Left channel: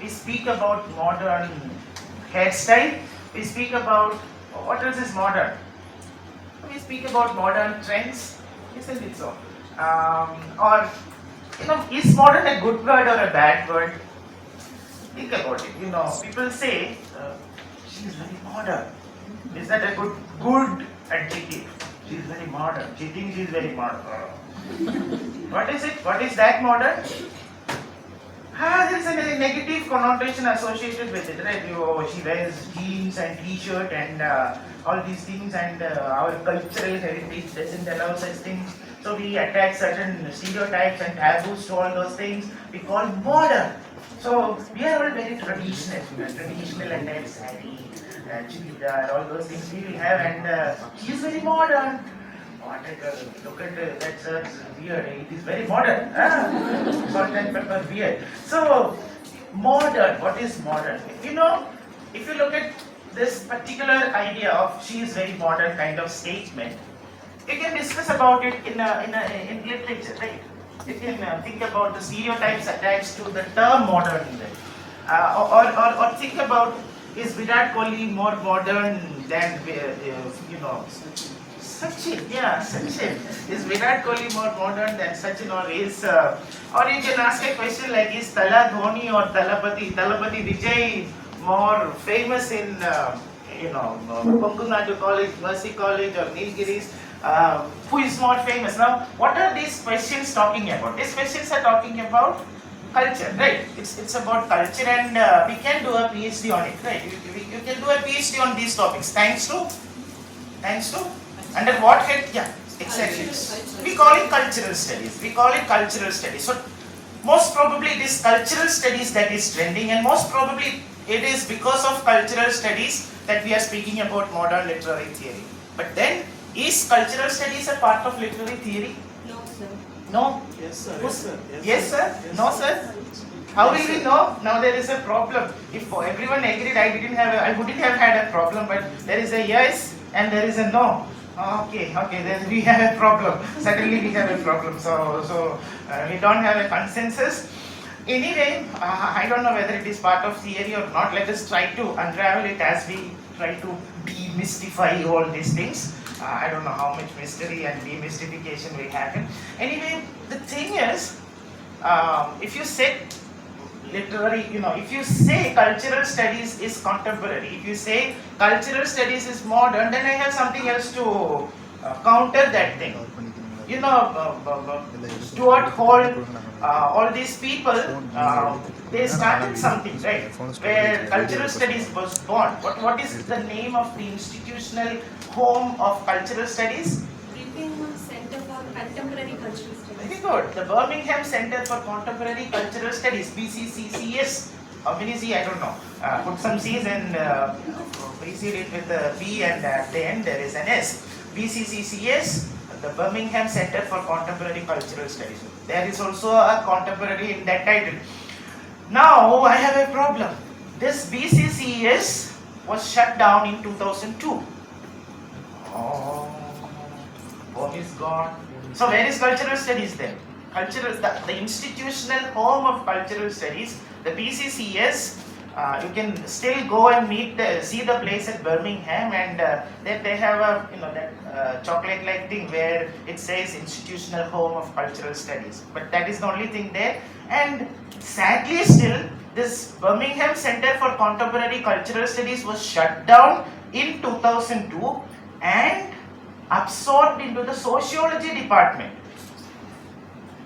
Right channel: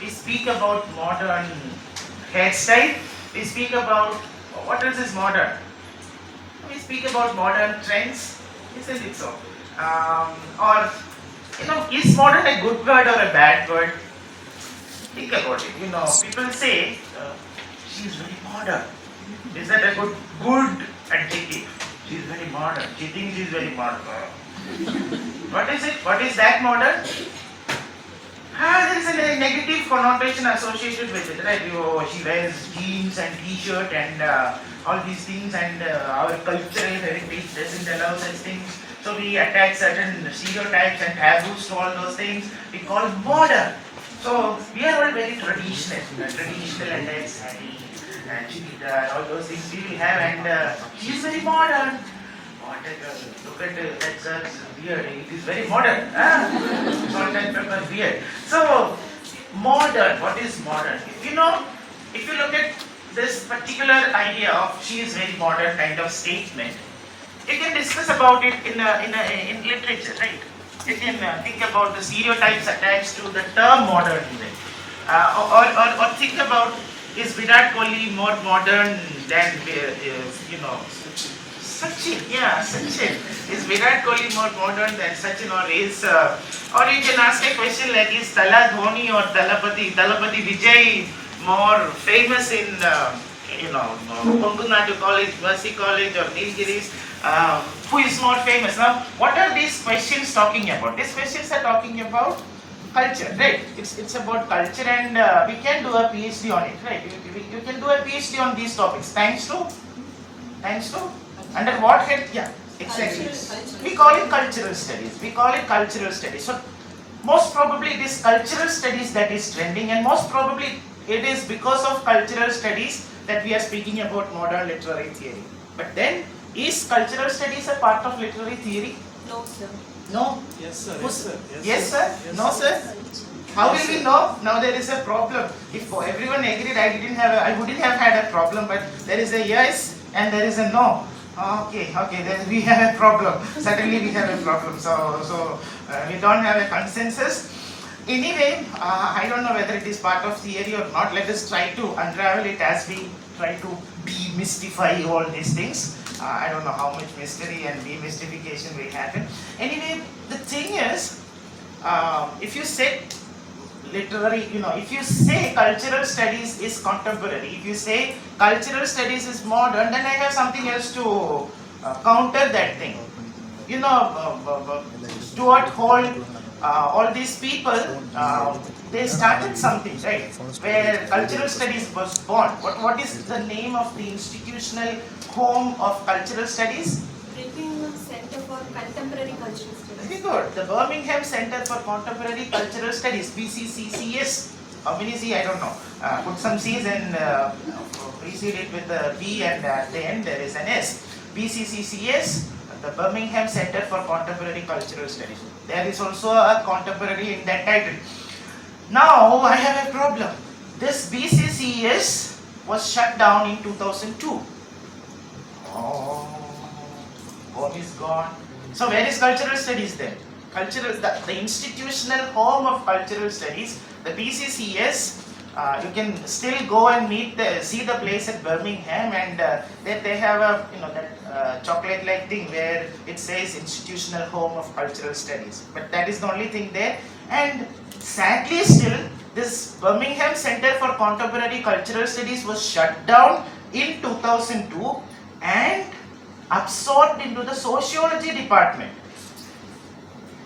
we speak about modern hairstyle, we speak about what else is modern? We speak about modern trends, isn't it so? Or is modern a good word or a bad word? Think about it. People say she is very modern. Is that a good adjective? She is very modern. She thinks she is very modern. What is it? What is that modern? There is a negative connotation associated with it, right? She wears jeans and t-shirt and all these things, and our cultural heritage doesn't allow such things. So we attach certain stereotypes and taboos to all those things. We call modern. So we are all very traditional, traditional attire, sari, and chudidar, all those things we will have, and she is very modern. What a girl! Look at that girl's beard. It is very modern. Salt and pepper beard. So modern. What is modern? If you look at this particular idea of she is very modern kind of statement, you can discuss about it in literature, right? You can think about the stereotypes attached to the term modern, right? Or think about, is Virat Kohli more modern than Sachin? Yeah, Sachin. Is Virat Kohli more modern than Sachin, or you can ask a question like, is Tala Dhoni or Talapati Vijay more famous in KONGUNADU College, Mercy College, or Nilgiris? Who is more famous? Now, what are these questions talking about? These questions are talking about culture, right? It's about culture, and we can do a PhD on it, right? You can do a PhD on these topics. Thanks to under what head? Yeah, exactly. We call it cultural studies. So most probably this cultural studies that is trending, and most probably it is because of cultural studies that we are speaking about modern literary theory. But then, is cultural studies a part of literary theory? No, sir. No? Yes, sir. Yes, sir? No, sir? How will we know? Now there is a problem. If everyone agreed, I wouldn't have had a problem, but there is a yes and there is a no. Okay, then we have a problem. Suddenly we have a problem. So we don't have a consensus. Anyway, I don't know whether it is part of theory or not. Let us try to unravel it as we try to demystify all these things. I don't know how much mystery and demystification will happen. Anyway, the thing is, if you say if you say cultural studies is contemporary, if you say cultural studies is modern, then I have something else to counter that thing. Stuart Hall, all these people, they started something, right? Where cultural studies was born. What is the name of the institutional home of cultural studies? Birmingham Center for Contemporary Cultural Studies. Very good. The Birmingham Center for Contemporary Cultural Studies, BCCCS. How many C? I don't know. Put some C's and precede it with the B, and at the end there is an S. BCCCS, the Birmingham Center for Contemporary Cultural Studies. There is also a contemporary in that title. Now I have a problem. This BCCS was shut down in 2002. Home is gone. So where is cultural studies then? The institutional home of cultural studies, the BCCS. You can still go and see the place at Birmingham, and they have a that chocolate-like thing where it says institutional home of cultural studies. But that is the only thing there. And sadly, still this Birmingham Center for Contemporary Cultural Studies was shut down in 2002 and absorbed into the sociology department.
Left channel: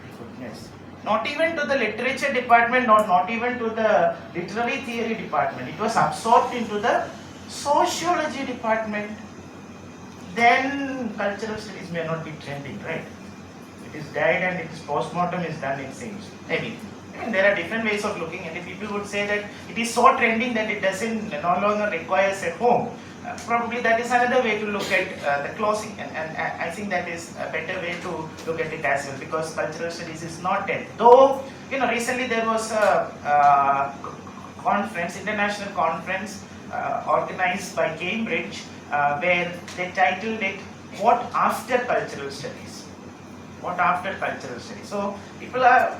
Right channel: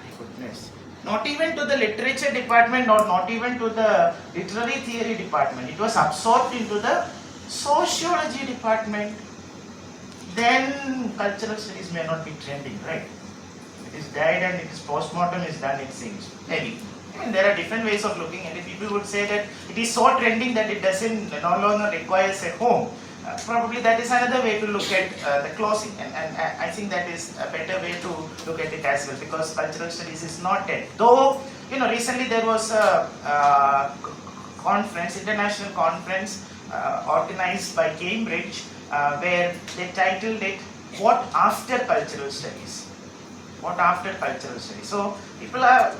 My goodness. Not even to the literature department, or not even to the literary theory department. It was absorbed into the sociology department. Then cultural studies may not be trending, right? It is died and its postmortem is done, it seems. Maybe. There are different ways of looking at it. People would say that it is so trending that it no longer requires a home. Probably that is another way to look at the closing, and I think that is a better way to look at it as well, because cultural studies is not dead. Though, recently there was a international conference organized by Cambridge, where they titled it, "What After Cultural Studies?" what after cultural studies. So people are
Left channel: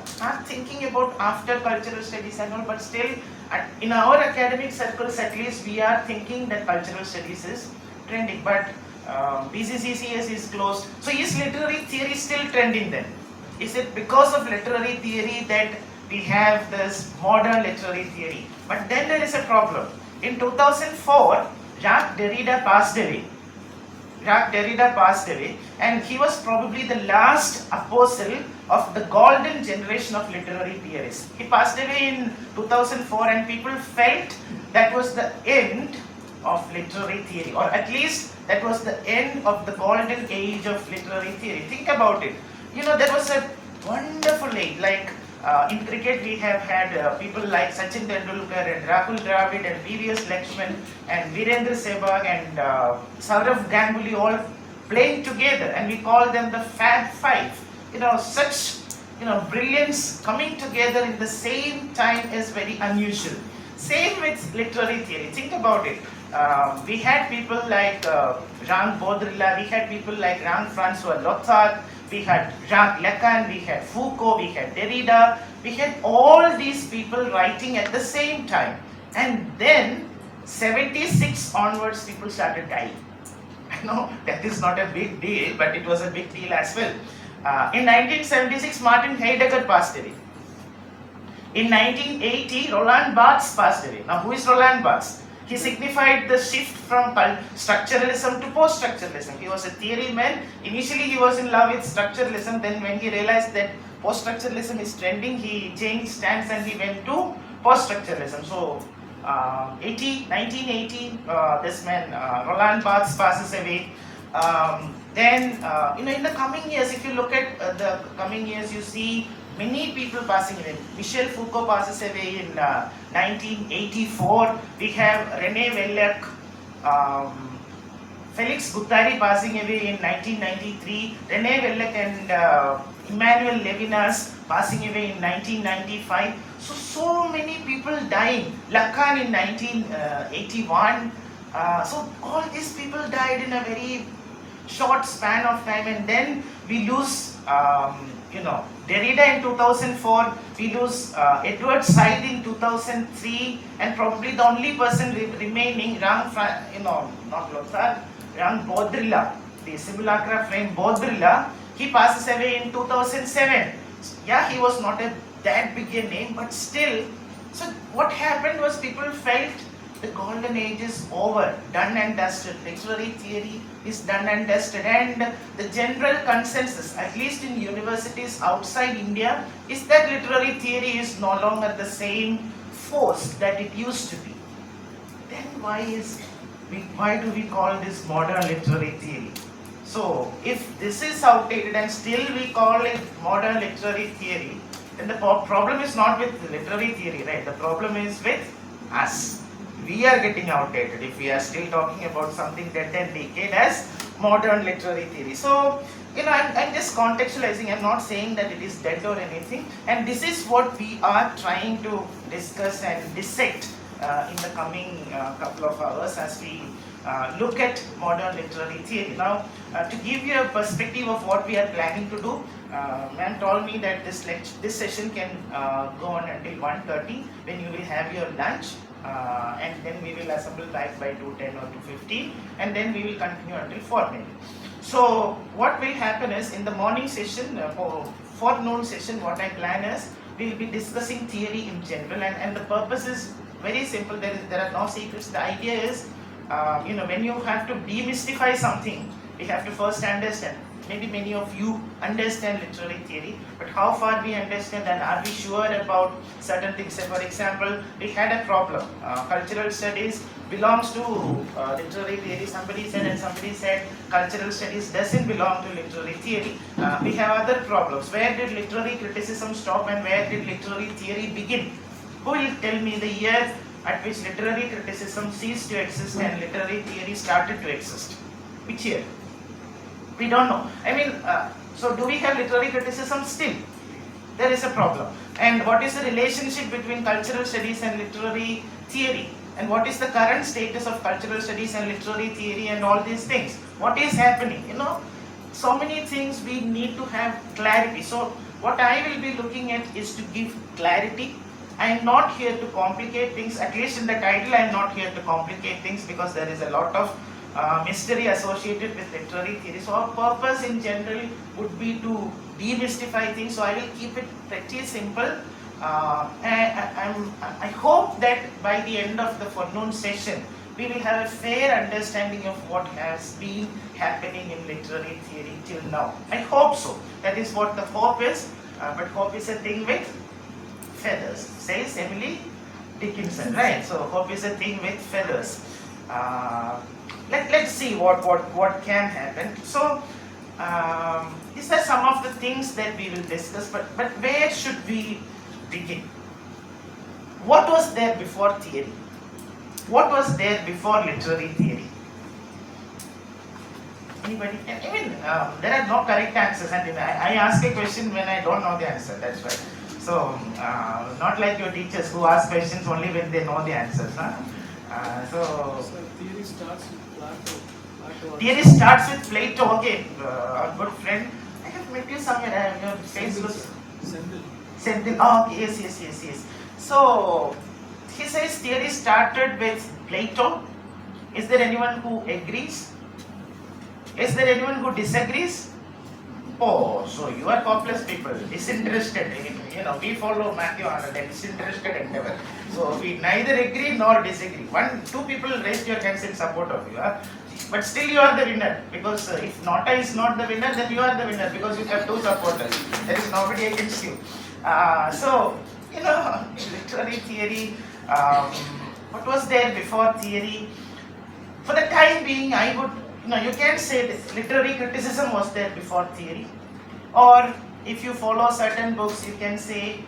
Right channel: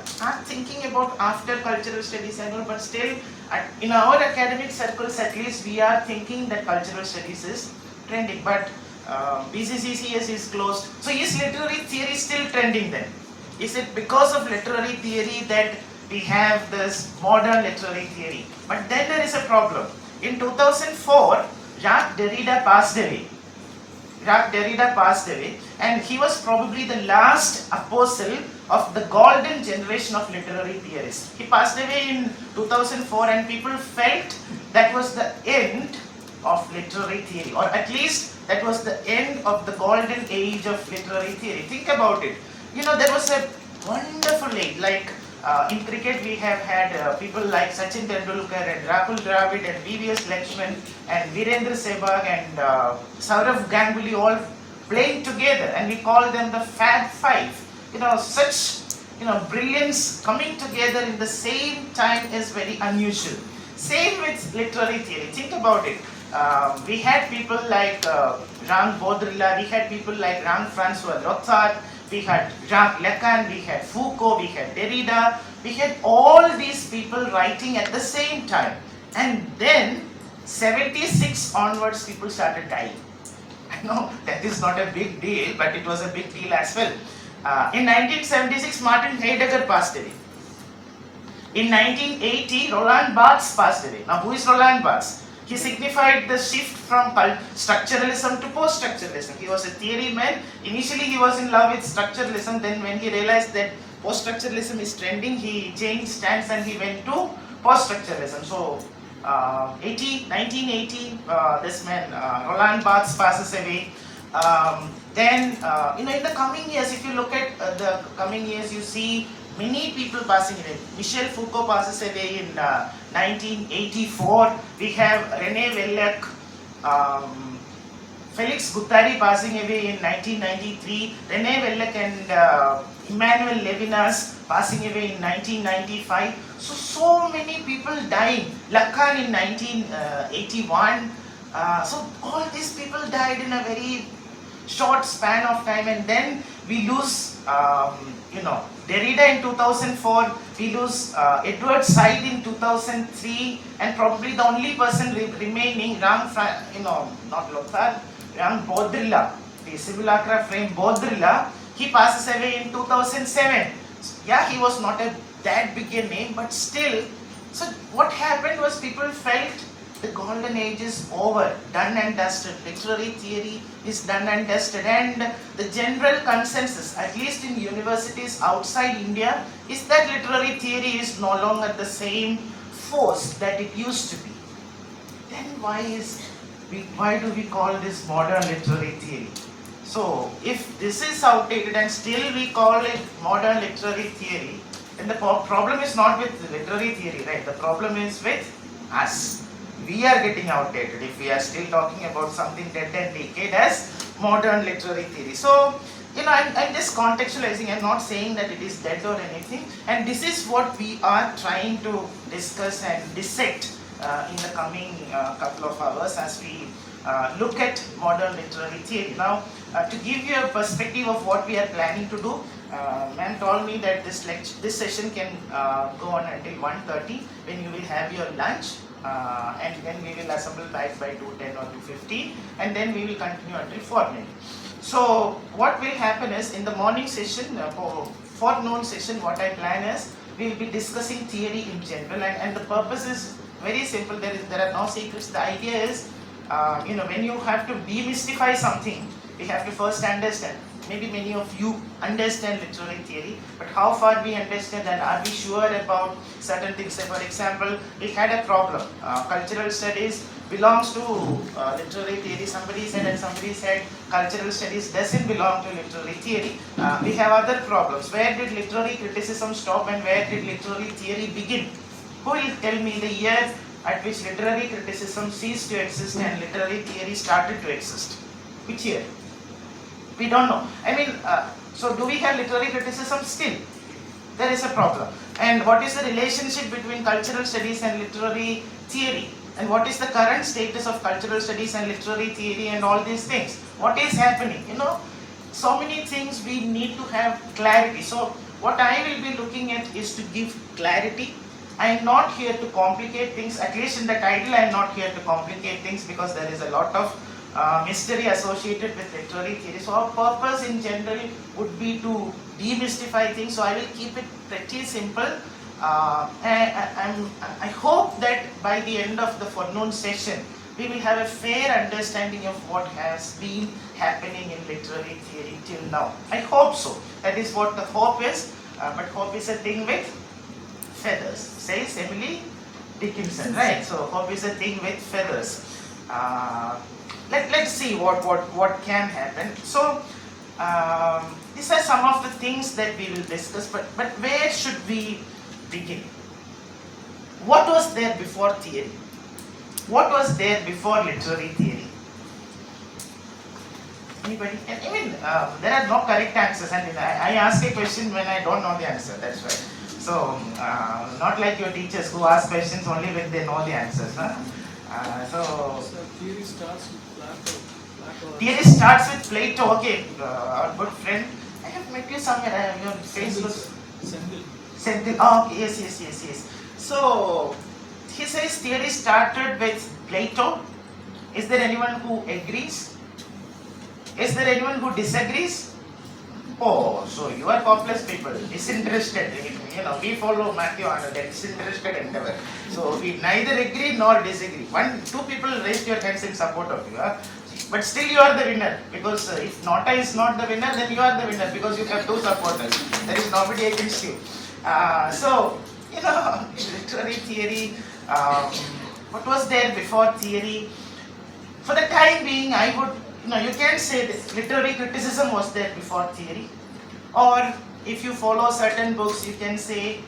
thinking about after cultural studies and all, but still in our academic circles at least we are thinking that cultural studies is trending. But BCCCS is closed. So is literary theory still trending then? Is it because of literary theory that we have this modern literary theory? But then there is a problem. In 2004, Jacques Derrida passed away. And he was probably the last apostle of the golden generation of literary theorists. He passed away in 2004 and people felt that was the end of literary theory, or at least that was the end of the golden age of literary theory. Think about it. There was a wonderful age, like in cricket we have had people like Sachin Tendulkar and Rahul Dravid and VVS Lakshman and Virendra Sehwag and Saurav Ganguly all playing together, and we call them the Fab Five. Such brilliance coming together in the same time is very unusual. Same with literary theory. Think about it. We had people like Jean Baudrillard, we had people like Jean-Francois Lyotard, we had Jacques Lacan, we had Foucault, we had Derrida, we had all these people writing at the same time. And then 76 onwards people started dying. I know that is not a big deal, but it was a big deal as well. In 1976, Martin Heidegger passed away. In 1980, Roland Barthes passed away. Now who is Roland Barthes? He signified the shift from structuralism to post-structuralism. He was a theory man. Initially he was in love with structuralism. Then when he realized that post-structuralism is trending, he changed stance and he went to post-structuralism. So 1980, this man Roland Barthes passes away. Then in the coming years, if you look at the coming years, you see many people passing away. Michel Foucault passes away in 1984. We have René Wellek, Felix Guattari passing away in 1993. René Wellek and Emmanuel Levinas passing away in 1995. So many people dying. Lacan in 1981. So all these people died in a very short span of time, and then we lose Derrida in 2004, we lose Edward Said in 2003, and probably the only person remaining, Jean Baudrillard, the simulacra frame Baudrillard, he passes away in 2007. Yeah, he was not that big a name, but still. So what happened was people felt the golden age is over, done and dusted. Literary theory is done and dusted, and the general consensus, at least in universities outside India, is that literary theory is no longer the same force that it used to be. Then why do we call this modern literary theory? So if this is outdated and still we call it modern literary theory, then the problem is not with literary theory, right? The problem is with us. We are getting outdated if we are still talking about something dead and decayed as modern literary theory. So, I'm just contextualizing. I'm not saying that it is dead or anything. And this is what we are trying to discuss and dissect in the coming couple of hours as we look at modern literary theory. Now, to give you a perspective of what we are planning to do, ma'am told me that this session can go on until 1:30 when you will have your lunch. And then we will assemble back by 2:10 or 2:15, and then we will continue until 4 maybe. So what will happen is, in the morning session, forenoon session, what I plan is, we will be discussing theory in general, and the purpose is very simple. There are no secrets. The idea is, when you have to demystify something, we have to first understand. Maybe many of you understand literary theory, but how far we understand, and are we sure about certain things? For example, we had a problem. Cultural studies belongs to literary theory, somebody said, and somebody said cultural studies doesn't belong to literary theory. We have other problems. Where did literary criticism stop and where did literary theory begin? Who will tell me the year at which literary criticism ceased to exist and literary theory started to exist? Which year? We don't know. So do we have literary criticism still? There is a problem. And what is the relationship between cultural studies and literary theory? And what is the current status of cultural studies and literary theory and all these things? What is happening? so many things we need to have clarity. So what I will be looking at is to give clarity. I am not here to complicate things, at least in the title I am not here to complicate things, because there is a lot of mystery associated with literary theory. So our purpose in general would be to demystify things, so I will keep it pretty simple. I hope that by the end of the forenoon session, we will have a fair understanding of what has been happening in literary theory till now. I hope so. That is what the hope is. But hope is a thing with feathers, says Emily Dickinson, right? So hope is a thing with feathers. Let's see what can happen. So these are some of the things that we will discuss. But where should we begin? What was there before theory? What was there before literary theory? Anybody? I mean, there are no correct answers, and I ask a question when I don't know the answer. That's right. So, not like your teachers who ask questions only when they know the answers. Huh? So theory starts with Plato. Theory starts with Plato. Okay, our good friend. I have met you somewhere. Your face looks. Sendil. Oh, okay. Yes. So, he says theory started with Plato. Is there anyone who agrees? Is there anyone who disagrees? Oh, so you are hopeless people, disinterested. You know, we follow Matthew Arnold, a disinterested endeavor. So we neither agree nor disagree. Two people raised your hands in support of you. Huh? But still you are the winner, because if Nota is not the winner, then you are the winner, because you have two supporters. There is nobody against you. So, you know, literary theory, what was there before theory? For the time being, I would, you can say this, literary criticism was there before theory. Or if you follow certain books, you can say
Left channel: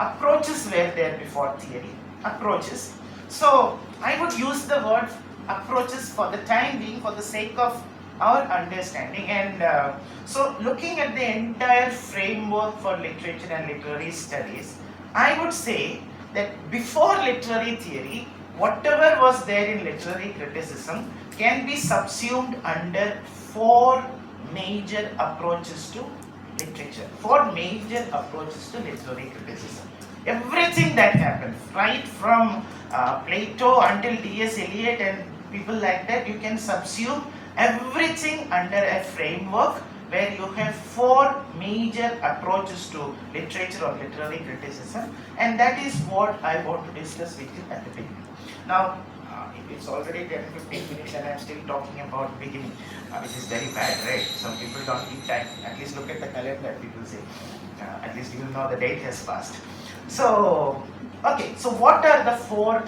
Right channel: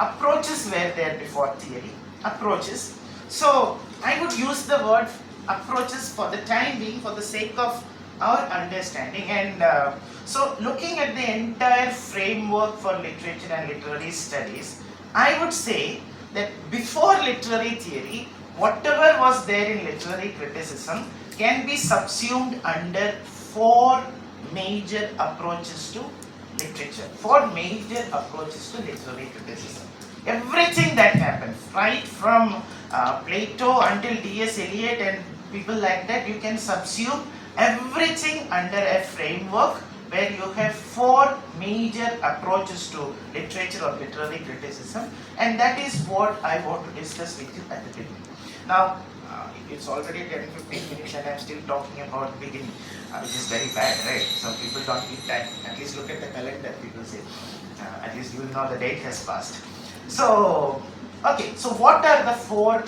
approaches were there before theory. Approaches. So I would use the word approaches for the time being, for the sake of our understanding. And so looking at the entire framework for literature and literary studies, I would say that before literary theory, whatever was there in literary criticism can be subsumed under four major approaches to literature. Four major approaches to literary criticism. Everything that happened, right from Plato until D.S. Eliot and people like that, you can subsume everything under a framework where you have four major approaches to literature or literary criticism, and that is what I want to discuss with you at the beginning. Now, it's already 10-15 minutes and I'm still talking about beginning, which is very bad, right? So people don't keep time. At least look at the calendar, people say. At least you will know the date has passed. So, okay, so what are the four